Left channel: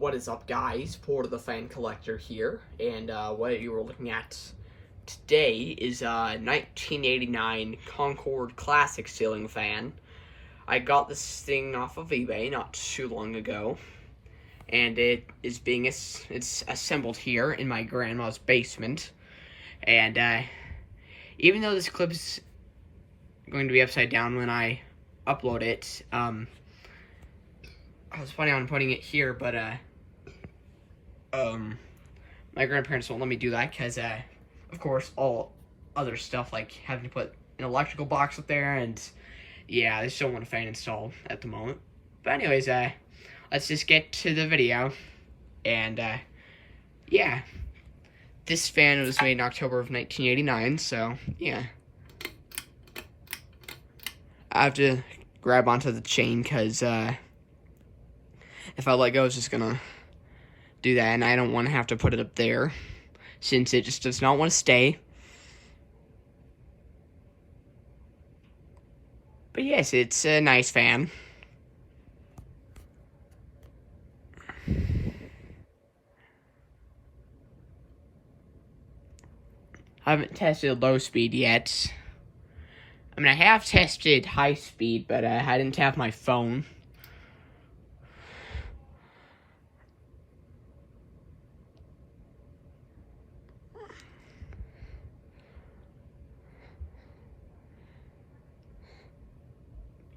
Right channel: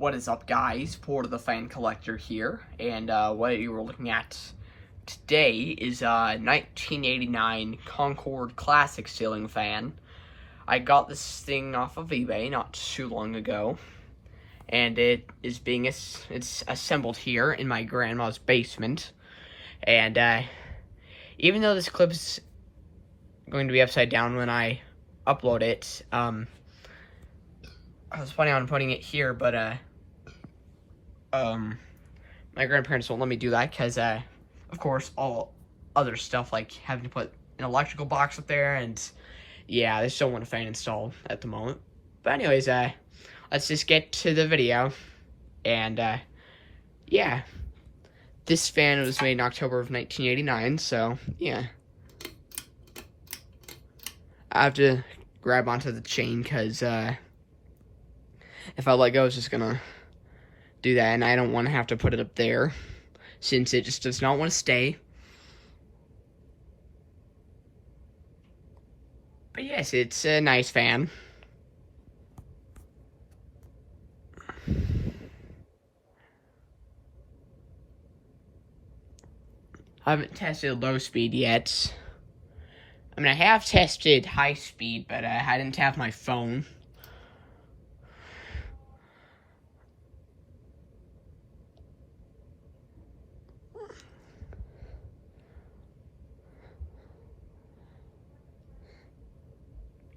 What is up, guys? Porter the Fan Collector here, and what you were looking at today is a 1989 Concord Classic ceiling fan. I got this thing off of eBay not too long ago, and it's assembled here in my grandma's basement. And even though this clip's going to be upside down when I upload it, I was planning on putting it here, but my grandparents won't let me do that because, of course, all other stuff like having to put an electrical box up there, and yeah, they just don't want a fan installed at the moment. But anyways, let's just get to the video, and yeah, this fan was made in October of 1989, so yeah. I have to grab onto the chain because if I let go, it's just gonna do that, and I don't want to have to put it up there since it just does not want to stay. But yes, it's a nice fan. I haven't tested low speed yet. I mean, I have tested high speed, but I didn't have my phone.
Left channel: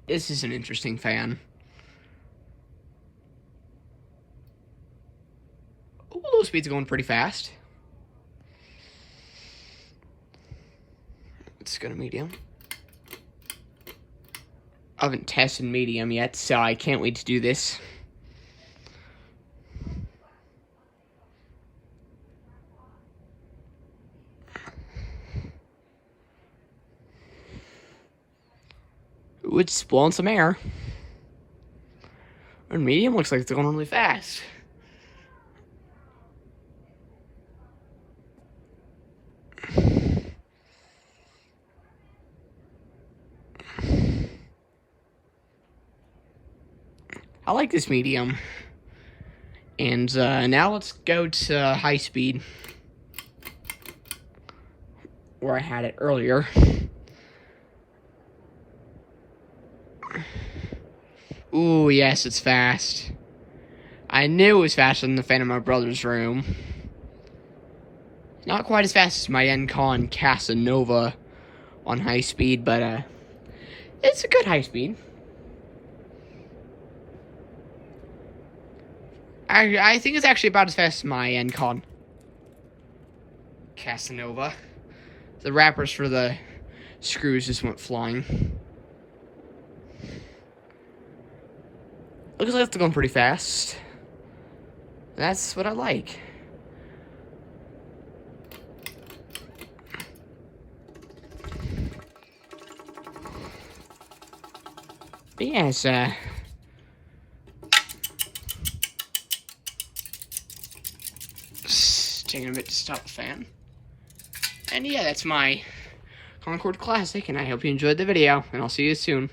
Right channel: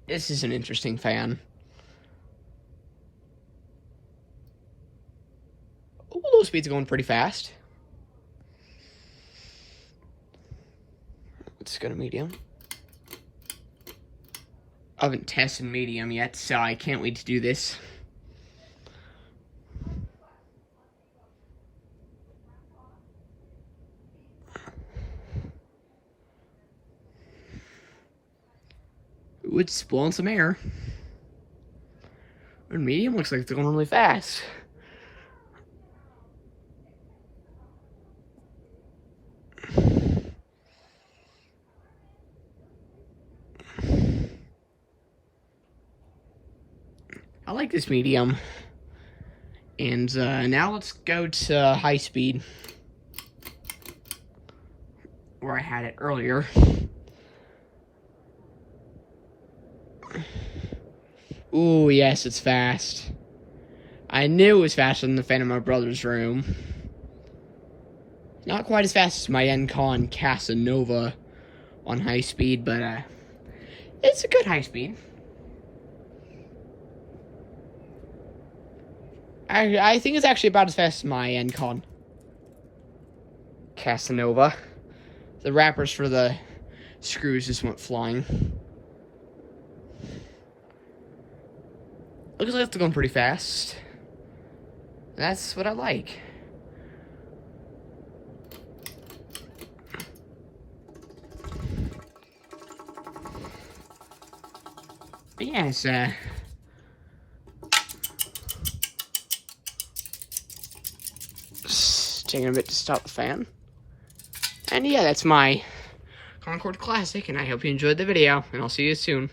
This is an interesting fan. Oh, low speed's going pretty fast. Let's go to medium. I haven't tested medium yet, so I can't wait to do this. Ooh, it's blowing some air. And medium looks like it's going really fast. I like this medium. And now let's go to high speed, where I had it earlier. Ooh, yes, it's fast. I knew it was faster than the fan in my brother's room. Not quite as fast as my Encon Casanova on high speed, but it's a good high speed. I think it's actually about as fast as my Encon Casanova. The wrappers for the screws just went flying. Looks like it's going pretty fast. That's what I like. Yes, taking a bit to stop the fan. And yeah, that's my Concord Classic, and I hope you enjoyed the video, and I'll see you soon.